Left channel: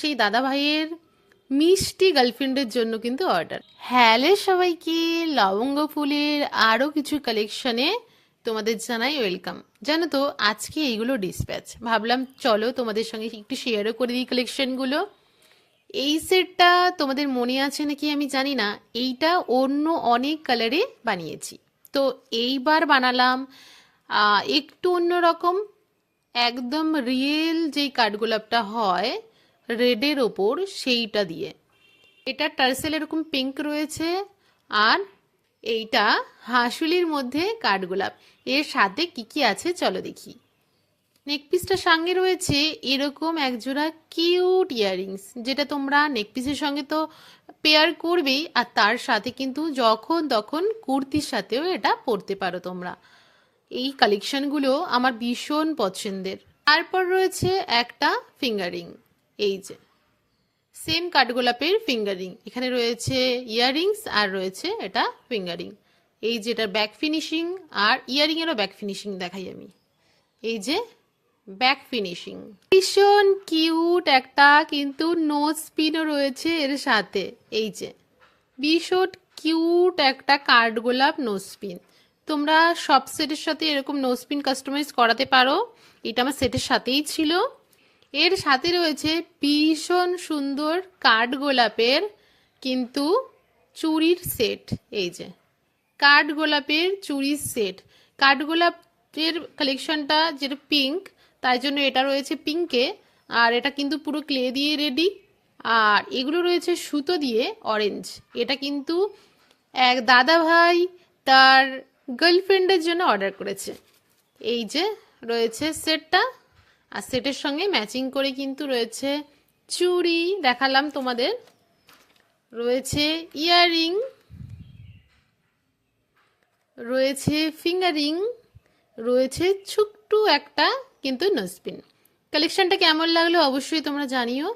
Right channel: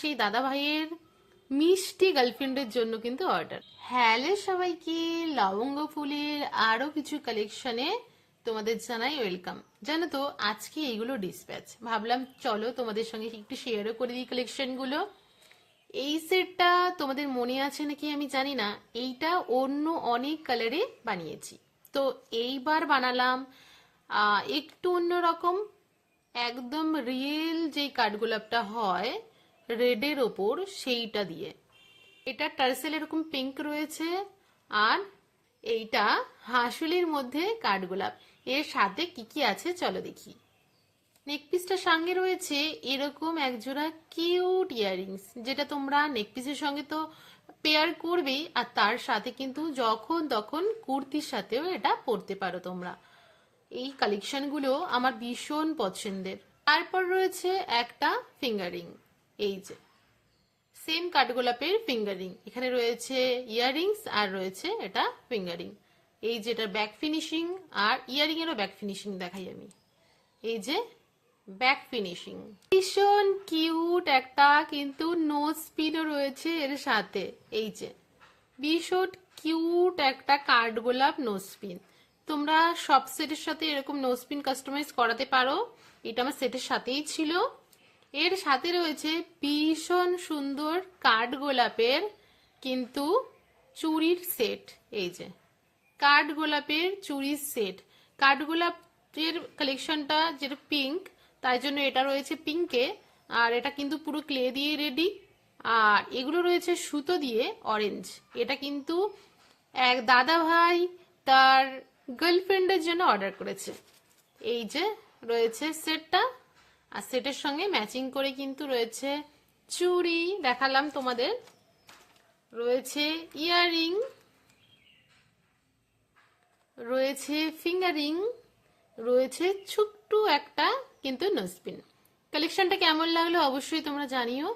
সেই দাদা ভাইয়ের মিষ্টি গার্লফ্রেন্ডের জন্য কিন্তু অর্ডার। হ্যালো সবাইকে, লবঙ্গ ফুলের আরও কিছু কালেকশনে তোমাদের জানাই ওয়েলকাম। জানো তো আজকে এইগুলো ডিসপ্যাচ, ভাবলাম চলো তোমাদের সঙ্গে একটু শেয়ারও করে দিই কালেকশনগুলো। এই সেটটা তোমাদের মনে আছে নাকি আমি জানি না, এইটা অন্য অনেক কালারে বানিয়েছি, তো এইবার বানালাম একটু অন্যরকম, একদম রিয়েল যেই কাঠগোলাপটা হয় রেডের ওপর সেইটা দিয়ে। এটা টার্সেল এরকম পিঙ্ক রয়েছে, আর এইটা হাঁসুলির মধ্যে কাঠগোলাপ। এর সাথে কি কি আছে চলো দেখি। নেকপিসটার সঙ্গে রয়েছে এরকম একজোড়া কিউট ইয়াররিংস, যেটা তোমরা নেকপিসের সঙ্গে তো পেয়ার করবেই, আর তার সাথে কিন্তু যখন তখন কুর্তির সাথেও এটা পরতে পারো তোমরা। এই কালেকশনগুলো আমার ভীষণ পছন্দের। তারপর রয়েছে একটা ফিঙ্গারিং, এই যে সেম কাঠগোলাপের ফিঙ্গারিং, এখানে রয়েছে ইয়াররিংস আর রয়েছে এটা ফিঙ্গারিং। এই যে এটার ব্যাক ফিনিশিং, আর ইয়ারিং এরও ব্যাক ফিনিশিং দেখাই আমি। এই যে ব্যাক ফিনিশিং, ভীষণ কিউট একটা, কিন্তু নোজ পিনও রয়েছে এর সাথে। এই যে ভীষণ কিউট একটা কাঠগোলাপ নোজ পিন। তোমরা সব সেটের সাথে এরকম নোজ পিন কাস্টমাইজ করাতে পারো, এটা আমার সেটের সাথেই ছিল। এর সাথে রয়েছে ভীষণ সুন্দর কাঠগোলাপের কিন্তু চুড়ির সেট। এই যে কাঠগোলাপের চুড়ির সেট, কাঠগোলাপের কালেকশনটা যেটা পিঙ্ক, তাই জন্য এটা রয়েছে পিঙ্কে, আর এটা কিন্তু পুরো ক্লে দিয়ে রেডি। আর এগুলো রয়েছে সুতো দিয়ে অরেঞ্জ, এটা কিন্তু এক দাদা ভাই তার গার্লফ্রেন্ডের জন্য অর্ডার করেছে। এই যে রয়েছে সেটটা, আর সেটের সঙ্গে ম্যাচিং করে কিন্তু রয়েছে চুড়ি, দেখালাম তোমাদের, রয়েছে ইয়াররিং, রয়েছে ফিঙ্গারিং, রয়েছে ছোট্ট একটা কিন্তু নোজপিন। কালেকশনটা কেমন লাগলো অবশ্যই তোমরা জানিও।